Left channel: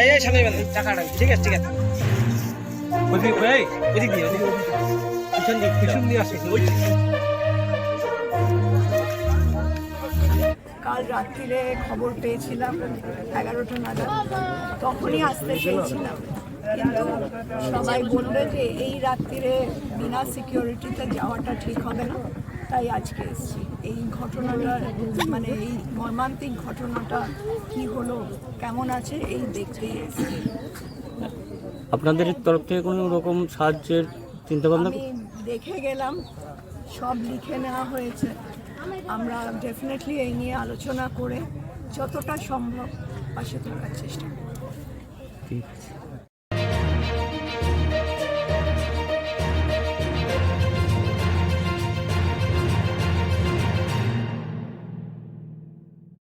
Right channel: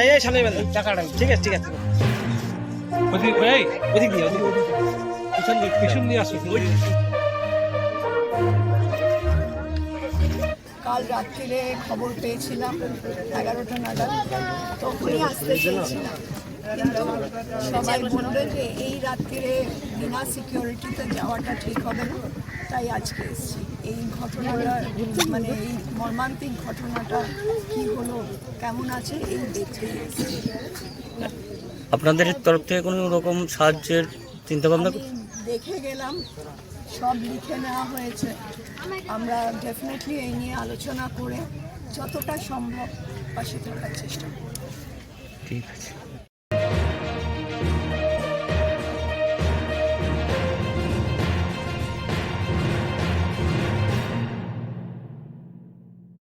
এই ঠিক আছে কাল রাত্রিরে খবর পেয়েছিলাম এগারোটা নাগাদ। তখনই আসতে চেয়েছিলাম। কিন্তু সবাই বলল যে এই রাত্রিরে বিনা সিকিউরিটিতে যাওয়াটা ঠিক হবে না। তাই আজকে এসেছি। এই ঘটনাটা মানে এই মর্মান্তিক ঘটনাটা কি হলো? কেমন আছে? এই এসেছি। আপনাদের তরফ থেকে কোনো রকম সাহায্যের চিন্তা ভাবনা দেখে গেলাম সব লিখে নেওয়া হয়েছে। আমরা ডেফিনেটলি এই নিয়ে আলোচনা করে যতটা সম্ভব পাশে থাকার চেষ্টা করব। ঠিক আছে।